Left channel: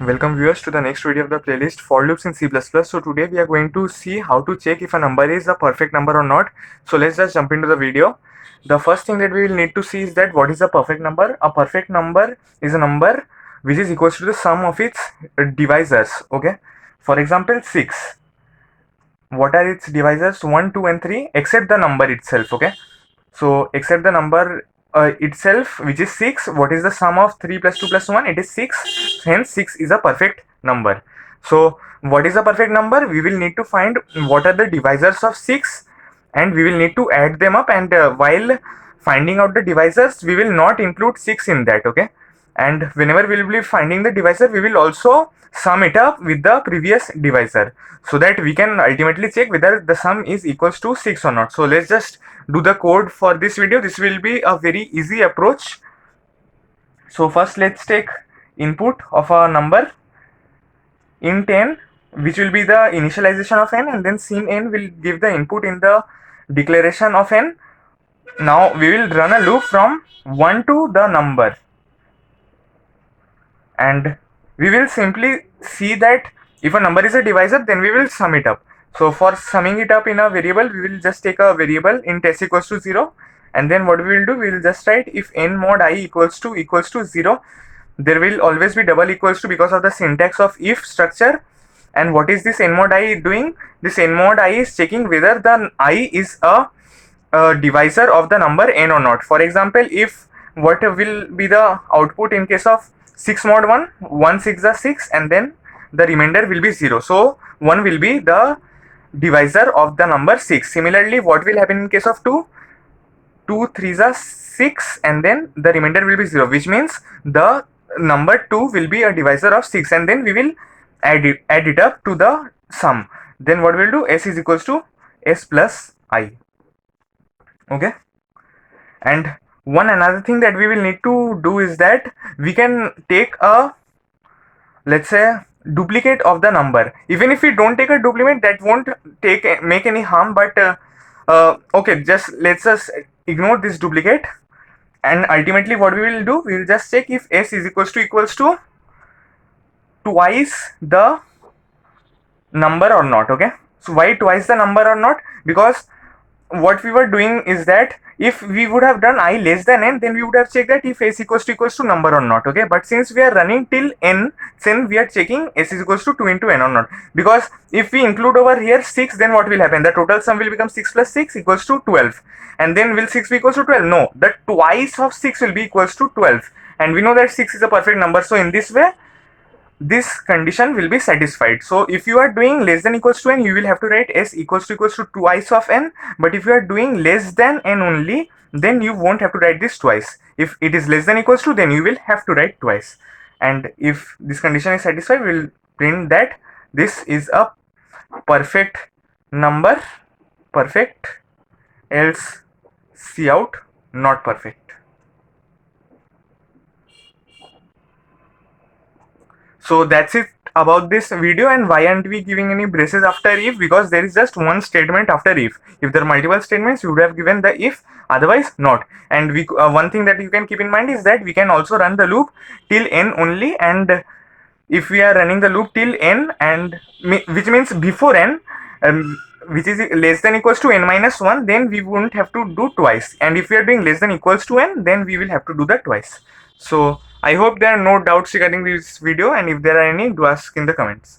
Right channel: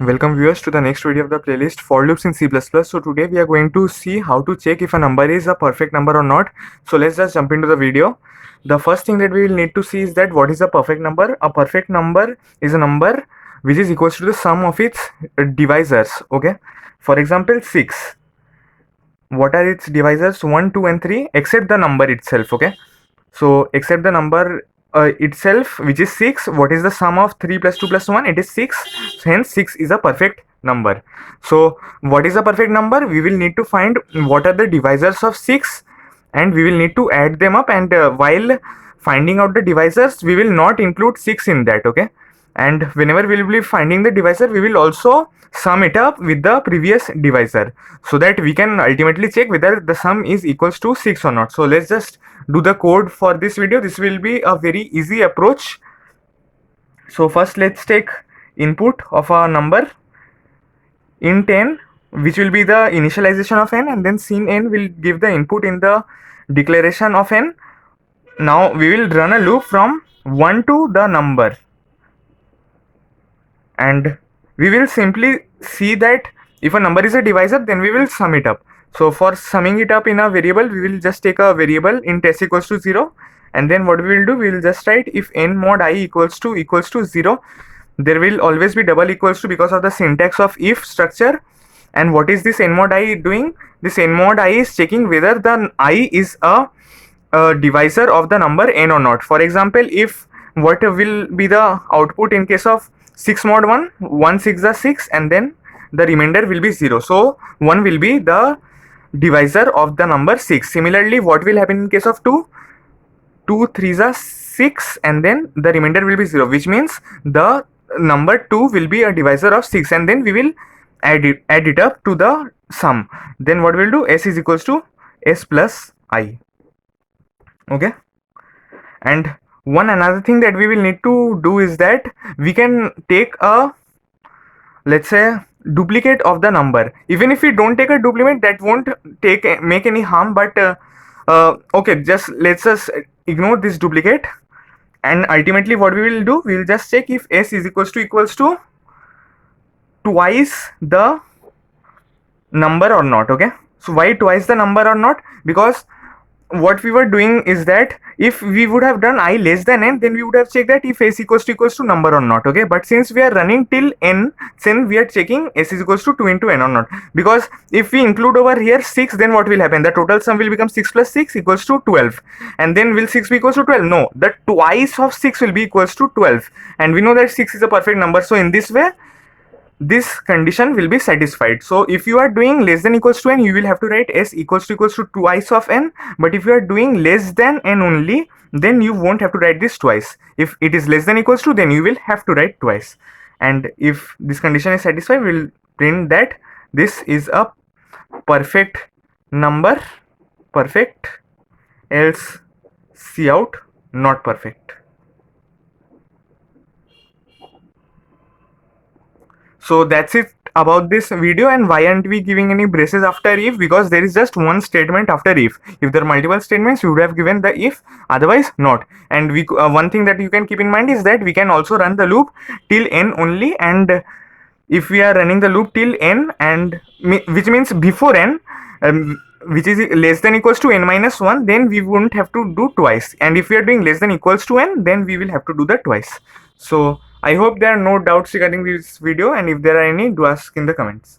Welcome viewers to the next video of the playlist for loops in C++. So today we are going to see how to check if a number is a perfect number or not. So let's just jump into the video. The first thing that we will need to see is that what is a perfect number. A perfect number is a number which is equals to the sum of its divisors. Okay, for example 6. What are its divisors? 1, 2 and 3 except the number itself. Okay, so except the number itself, which is 6, what is the sum of 3 plus 2 plus 1? It is 6. Hence 6 is a perfect number. So what is a perfect number? We will need to find what are the divisors of 6 and we will need to add them up, and while finding out the divisors we will not include 6 in that. Okay, and whenever we will be finding the divisor we will also sum it up with the previous divisor so that we can ultimately check whether the sum is equals to 6 or not. So let's just do the code for this video. This will be a very easy approach. So first let's take input of a number int n, which will be the initialization of n, and then sin n will give the input in the declaration of n. Now we will run a loop from 1 to the number, and we will simply see that if a number is a divisor then we will sum it up. So for summing it up in a variable, we will just take a variable int s equals to 0, and then what we will do, we will just write if n mod I equals to 0. There will always be double equals to because of the syntax of if structure. And what is this n mod I doing? This n mod I is checking whether the I is a divisor of the number n or not. For example, if what will be the output in case of 6 mod 1, 1 6 are 6, and then the remainder will be 0. So 1 will be the divisor of the number 6. Similarly, what will happen in case of 2? 2 3s are 6, and then the remainder will be 0, which means the number 2 will be a divisor of 6, and then we will add it up to the sum. Then what we'll do, s is equals to s plus I. Okay, and one another thing that we will need to do is that we can take a, let's say, duplicate of the number. Even if we don't take a duplicate, that won't make any harm, but okay, just let's just ignore this duplicate, and ultimately what we will do, we will just check if s is equals to twice the number or not. Okay, so why twice the number or not? Because what we were doing is that if we would have done I less than n, then we would have checked that if s equals to number or not. Okay, but since we are running till n, then we are checking s is equals to 2 into n or not. Because if we include over here 6, then what will happen? The total sum will become 6 plus 6 equals to 12, and then will 6 be equals to 12? No, the twice of 6 will be equals to 12, and we know that 6 is a perfect number. So in this way this condition will be satisfied. So if you are doing less than equals to n, you will have to write s equals to twice of n, but if you are doing less than n only, then you won't have to write this twice. If it is less than equals to, then you will have to write twice. And if this condition is satisfied, we will print that this is a perfect number, perfect, else cout not perfect. So that's it about this video. And why aren't we giving any braces after if? Because there is just one statement after if. If there are multiple statements, we would have given the if, otherwise not. And we one thing that you can keep in mind is that we can also run the loop till n only, and if we are running the loop till n, and which means before n, which is less than equals to n minus 1, then we wouldn't have to do twice, and if we are doing less than equals to n, then we will have to do that twice. So I hope there are no doubts regarding this video, and if there are any, do ask in the comments.